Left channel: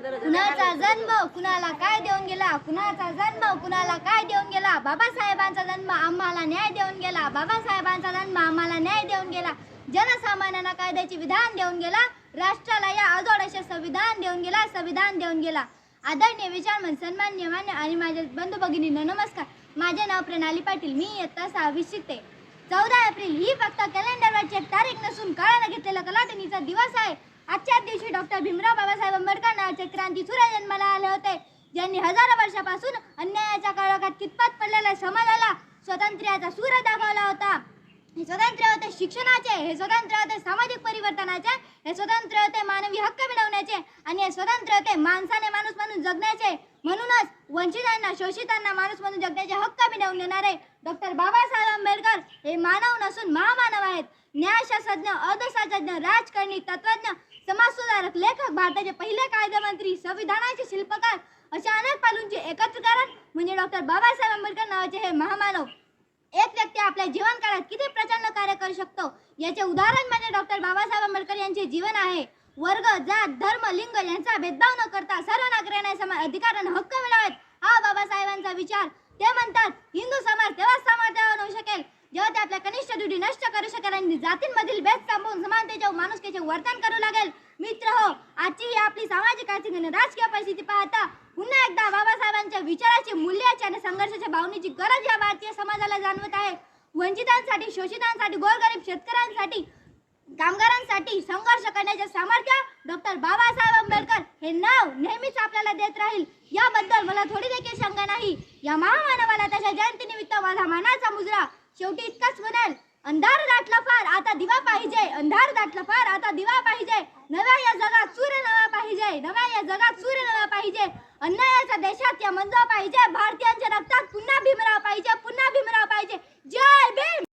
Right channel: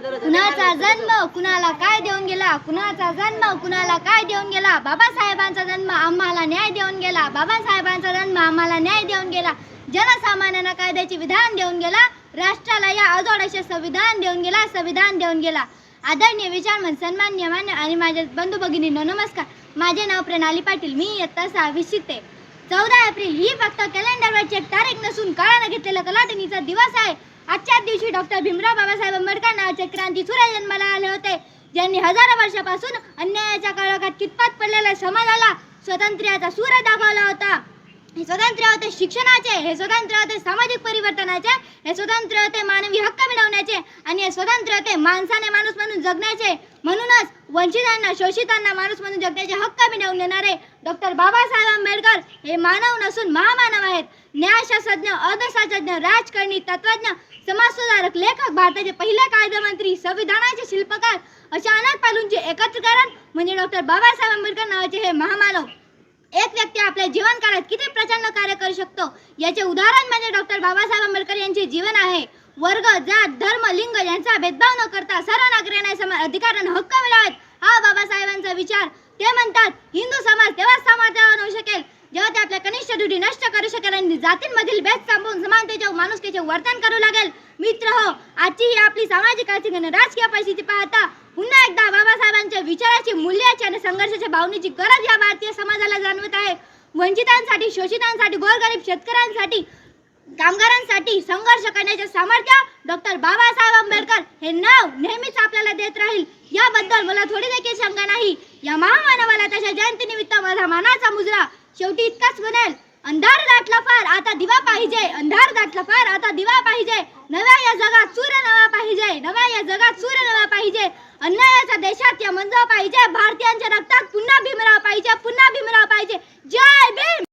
कुणाचा जन्म कुणाला काय देऊन गेला, कुणाचा जन्म कुणाला काय देऊन गेला. बाबासाहेबांचा जन्म आम्हाला न्याय देऊन गेला, बाबासाहेबांचा जन्म आम्हाला न्याय देऊन गेला. जनसामान्यांना कायद्याचे विधान देऊन गेला, राष्ट्राला या अजोड असे संविधान देऊन गेला, संविधान देऊन गेला. आदरणीय विचारमन, सन्माननीय मान्य आणि माझ्या बंधू भगिनींनो नमस्कार. माझे नाव प्रणाली पाटील. मी इयत्ता 6वी शिकते. 14 एप्रिल ही फक्त कॅलेंडरवरची एक तारीख नसून काळानं घेतलेला कलाटणीचा दिवस आहे. आजच्याच दिवशी डॉक्टर भीमराव बाबासाहेब आंबेडकर नावाचे क्रांती सूर्य जन्माला आले होते, ज्यांनी हजारो वर्षापासून अन्यायाच्या काळोखात कितपत पडलेल्या समाजाला स्वातंत्र्याचा सूर्य दाखवला होता. हे स्वातंत्र्य होते शिक्षणाचे, हे स्वातंत्र्य होते सामाजिक परिवर्तनाचे, हे स्वातंत्र्य होते मानवी हक्क मिळवण्याचे आणि हे स्वातंत्र्य होते माणसाने माणूस म्हणून जगण्याचे. म्हणूनच वंचितांना शोषितांना माणूस म्हणून जगण्याचे हक्क मिळवून देणारे डॉक्टर बाबासाहेब आंबेडकर हे मानव नसून महामानव आहेत. न्यायशास्त्रज्ञ, अर्थशास्त्रज्ञ, राजकारणी, तत्त्वज्ञ, समाजसुधारक, लेखक, भारताचे पहिले कायदेमंत्री, संविधानाचे शिल्पकार अशा अनेक पैलूंचे एकत्रीकरण म्हणजे डॉक्टर बाबासाहेब आंबेडकर नावाचे हे महामानव. एक व्यक्ती आपल्या जीवनकाळात किती प्रचंड कार्य करू शकतो याचे उदाहरण म्हणजे डॉक्टर बाबासाहेब आंबेडकर यांचे जीवन आहे. वर्ग, जात, धर्म, लिंग यांचा भेदभाव न करता सर्व नागरिकांना समान अधिकार आणि हक्क मिळावेत हा बाबासाहेबांचा विचार. ते म्हणतात हिंदू समाज तेव्हाच समाजावर होऊ शकेल जेव्हा ते आपल्या कनिष्ठ त्रुटी नष्ट करू शकेल आणि जातींमधील भेद संपवून समानतेचे व माणुसकीचे वर्तन करू लागेल. मित्र हो, आजची ही आपली सामाजिक, आर्थिक आणि राजकीय परिस्थिती पाहता पुन्हा एकदा बाबासाहेबांच्या विचाराची, मूल्याची आणि संघर्षाच्या भावनेची गरज या भारतीय समाजाला जाणवत आहे. वंचितांसाठी, शोषितांसाठी, गोरगरीब शेतकऱ्यांसाठी, कामगारांसाठी संघर्ष करण्याचे सामर्थ्य डॉक्टर बाबासाहेब आंबेडकर हे नाव नेहमीच आपल्याला देत राहील याबद्दल मला थोडी देखील शंका नाही. या महामानवाला त्याच्या जयंतीनिमित्त माझा मानाचा मुजरा. शेवटी इतकाच बनेल, अंधार दाटला फार आता दिवा पाहिजे, अंधार दाटला फार आता दिवा पाहिजे. नव्या या जगात सूर्य नवा पाहिजे, नव्या या जगात सूर्य नवा पाहिजे. अन्यायाच्या देशात या मंज पाहिजे, भारतीयांच्या रक्तात पुन्हा भीमराव पाहिजे.